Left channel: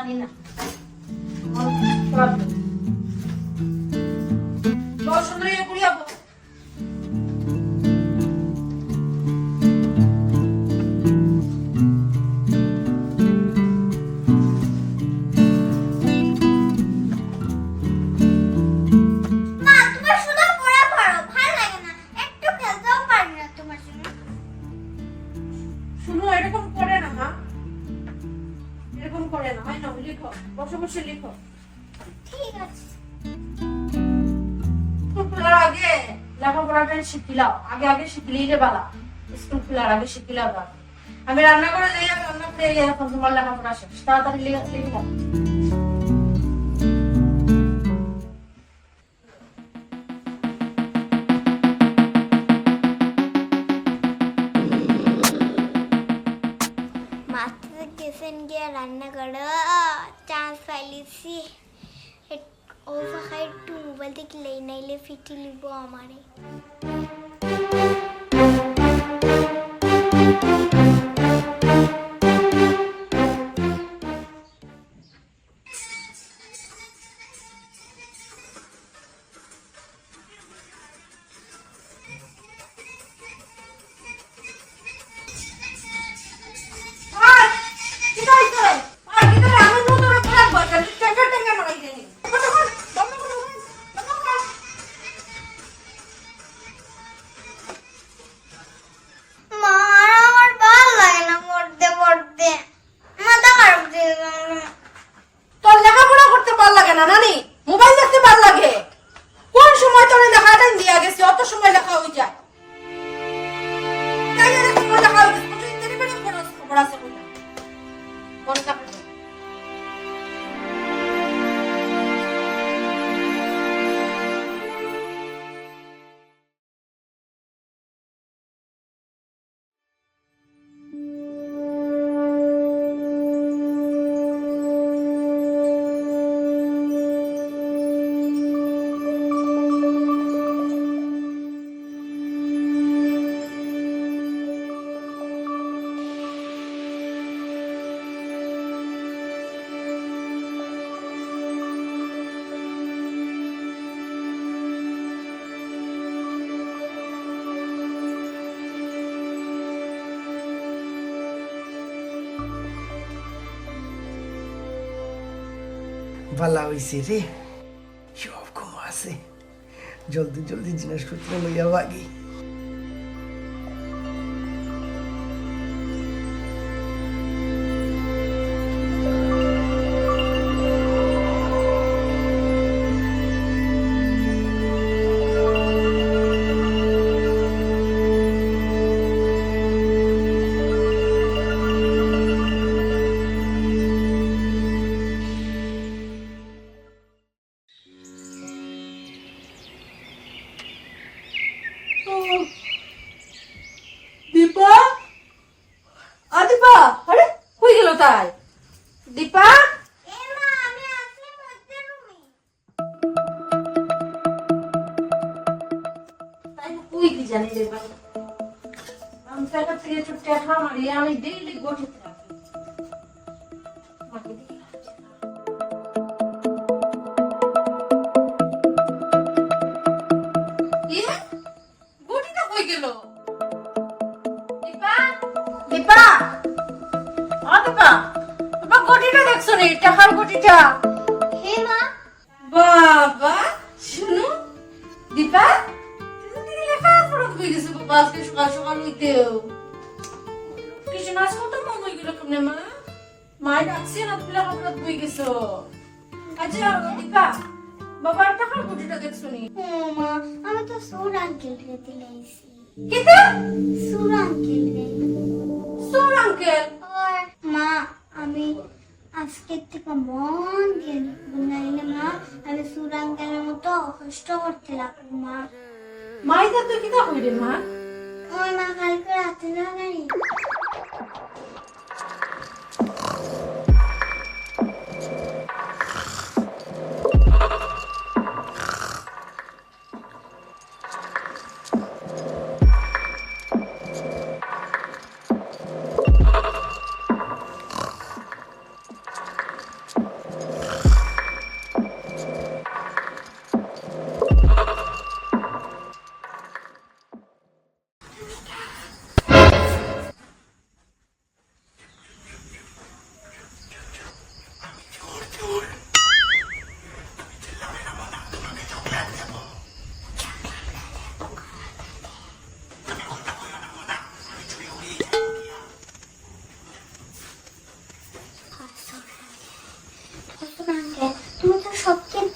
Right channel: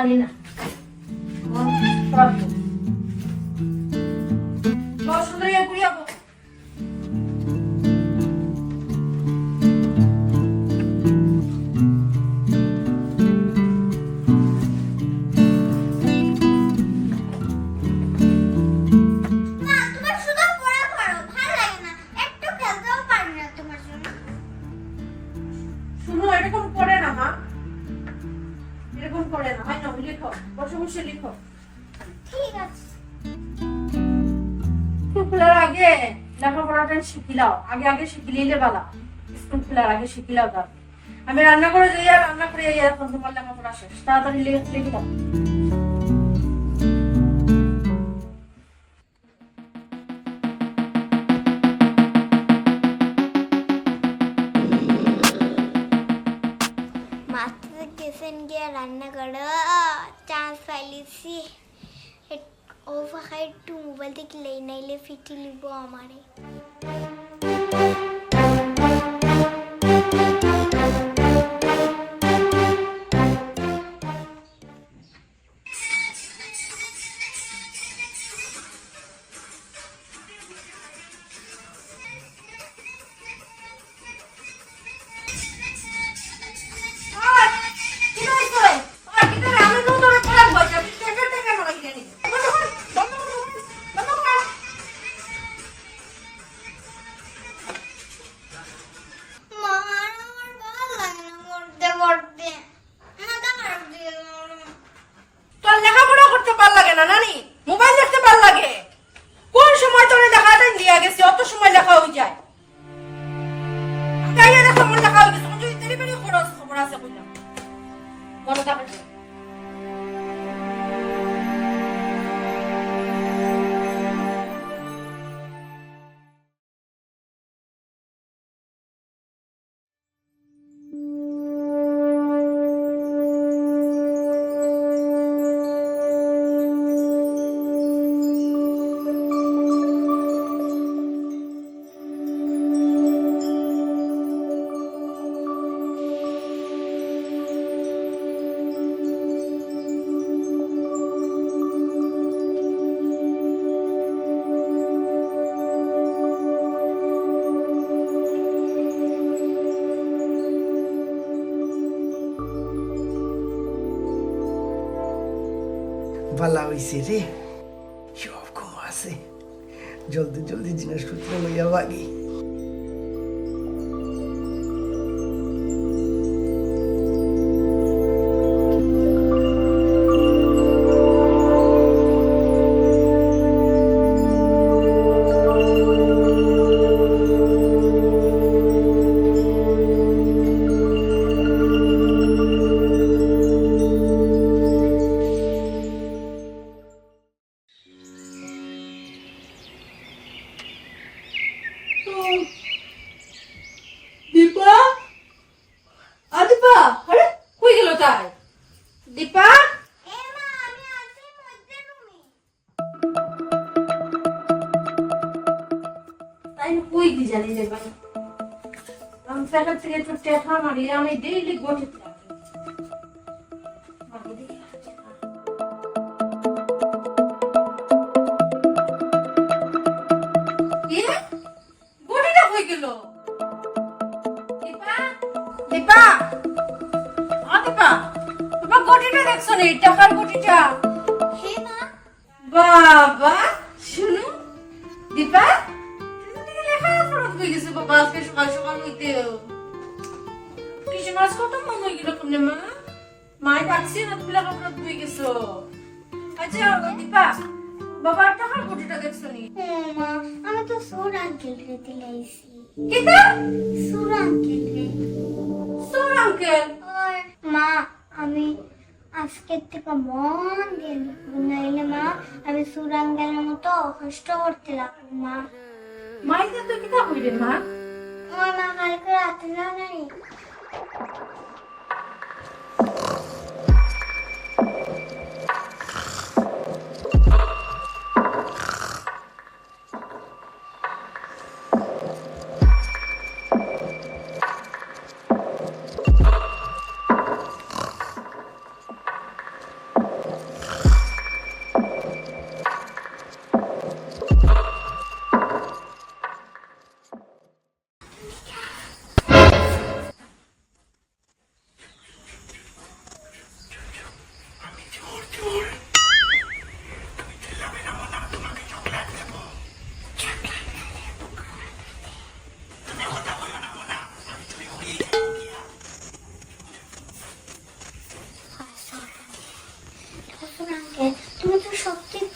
জানি না সুন্দরী কুড়িয়া লিখো ঠিক আছে খোলার আগে লেখাপড়াটা শিখিলাও আগে আগে শিখিলে বালা স্কুল খোলার আগে শিখিলাও দাও আমি রান্না করে যাই আর রান্না করে এখন তোমার লেখাপড়া শেষ তাড়াতাড়ি লিখলাম রান্না করো চান্স পাইলিছি ও ফাঁকায় একটু মোবাইল থেকে লেই নাইলে ফিটি লিব আমারে ভালো হয়েছে রে সব কম আছে জলদি জলদি জিনিসপত্র লইয়া ভাগি আমি ডেইলি গঠিত গটিটা কই গেল দীপা দীপা দীপা তোমার গটিটা দেখছো নি টাকার গটিটা হে মা বাবা শুনো দীপা তুমি লেখা পড়তে কই গেছো বাবা আজকে সকাল সকাল হইতেও কিছু নাচ কত মন হয়ে গেল কেমনে মা মায়ের ডাকছি না তুমি লেখাপড়া বই গেছো আচ্ছা দীপা বাবার টাকার গটিটা দেখছো নি মা আমি তো সুর আঙ্কেল রে দিলাইছি কিতা সুর আঙ্কেল রে সুর আঙ্কেল আর মা আমি আজকে থেকে মন দিয়ে নাইলে মা আমি সুর আঙ্কেলের মতো কষ্ট করতে লাগবো মা মাইদা তো কিতা কইরে মা আমার মা কালকে রাতে না জানি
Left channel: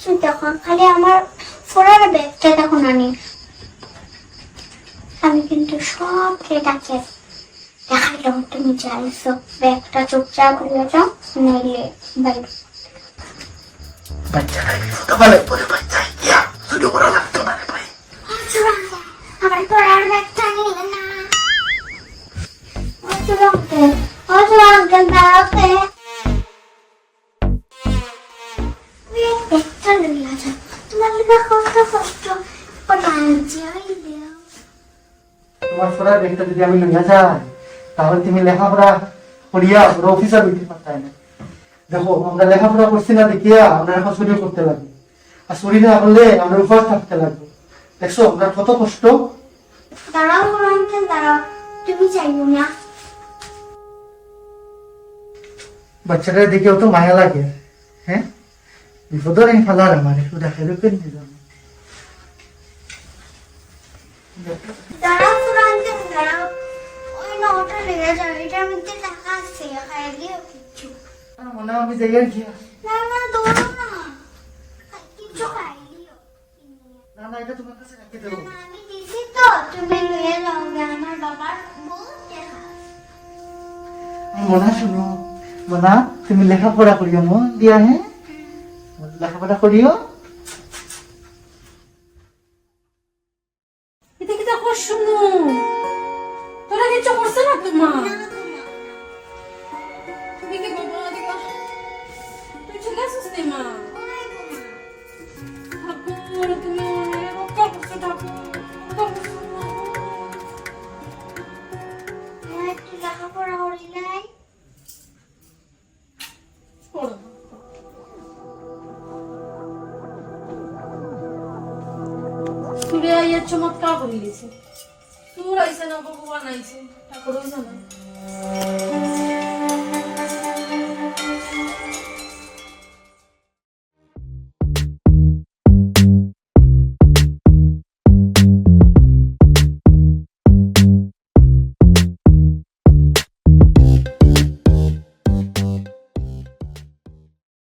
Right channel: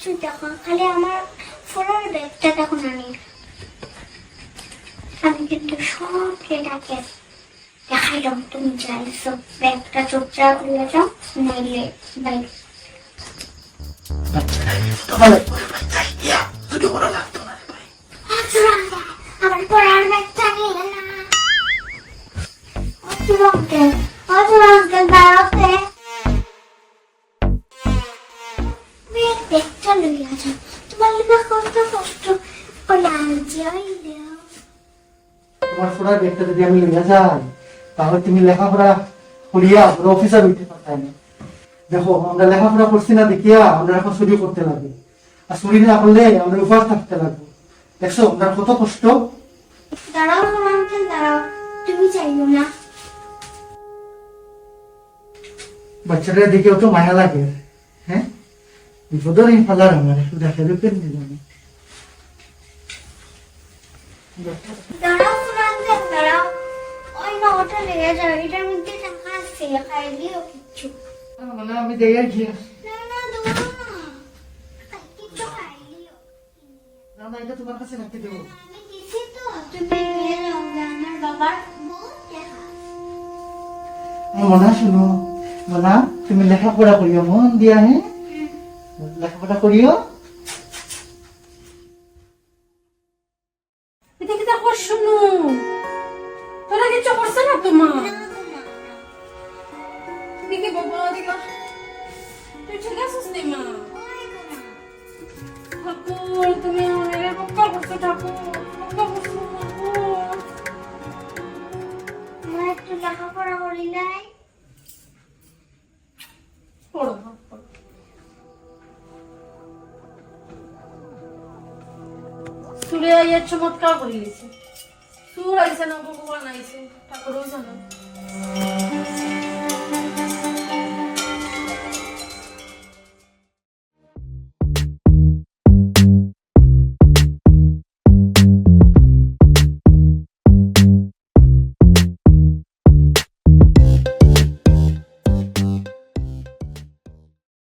দেখো খালি আমার ফোরার ব্যাগটা দেখো নানি, আমি কিন্তু সব ডাকে দেখাইলাম তুমি চাইছো ব্যাগটা চুপচাপ নিয়ে যাও, নাইলে বাইরে। বাচ্চারা ফটো ভালো করে ভাই যাই ইয়া শুধু করা লাগতো না রে ভাই। আমার পড়ার ব্যাগটা নিয়ে না দাঁড়াতে ব্যাগটা নিয়ে যাও, তোমার লিখা কত কষ্ট তোমার পড়ার ব্যাগটা যদি আমি লইয়া যাই তাহলে তুমি লেখাপড়া করিয়া পুরো অফিসার হইতে পারতাই না। দেখো আমরা লেখাপড়া করছি না দেখিয়া আমরা এখন চুরি করতে লাগে, আর চুরি না করলে আমরা উপাস থাকতে লাগবে। দেখছো আপনার কত কষ্ট। দাঁড়াও দাঁড়াও, তুমি চাইও না। বাচ্চাটার দিকেও তো মায়া লাগে। হ্যাঁ বিপদের এই ফালার আমার একটু দেখে পেন দিলাম। দাঁড়াও রঞ্জন দাঁড়াও, ওই নটা লেগে যাও, এটার মধ্যে টাকা আছে, খাই দিও কিচ্ছু। মানে আমি যাই আর গিয়া। না না দৌড়ো না, কিচ্ছু খাই দিও। না না এটা তোমার কাছে রাখতে দেবো। আমি দিছি তো, তুমি নিয়ে যাও, আমার বাবার বহুত টাকা। মনা শুনো, মনা তুমি লেখাপড়া করিও মন দিয়া। হ্যাঁ লেখাপড়া করিও। এটা কি দেখো শুনো, তোরা কিছু করছে না তোমার? তুমি কি বাবা দেখা তুই ঠিক আছিস নি মা? ঠাকুর তুমি অনেক রক্ষা করছো, ঠাকুর রক্ষা করছো মা গো। আমার একটু লেখাপড়া করি নাই। পড়ো মা, পড়ো। সুরে আইয়া চমৎকার করে গেছে, সুর আইসে না ভগবান আইসে, ঠাকুর হইছে না।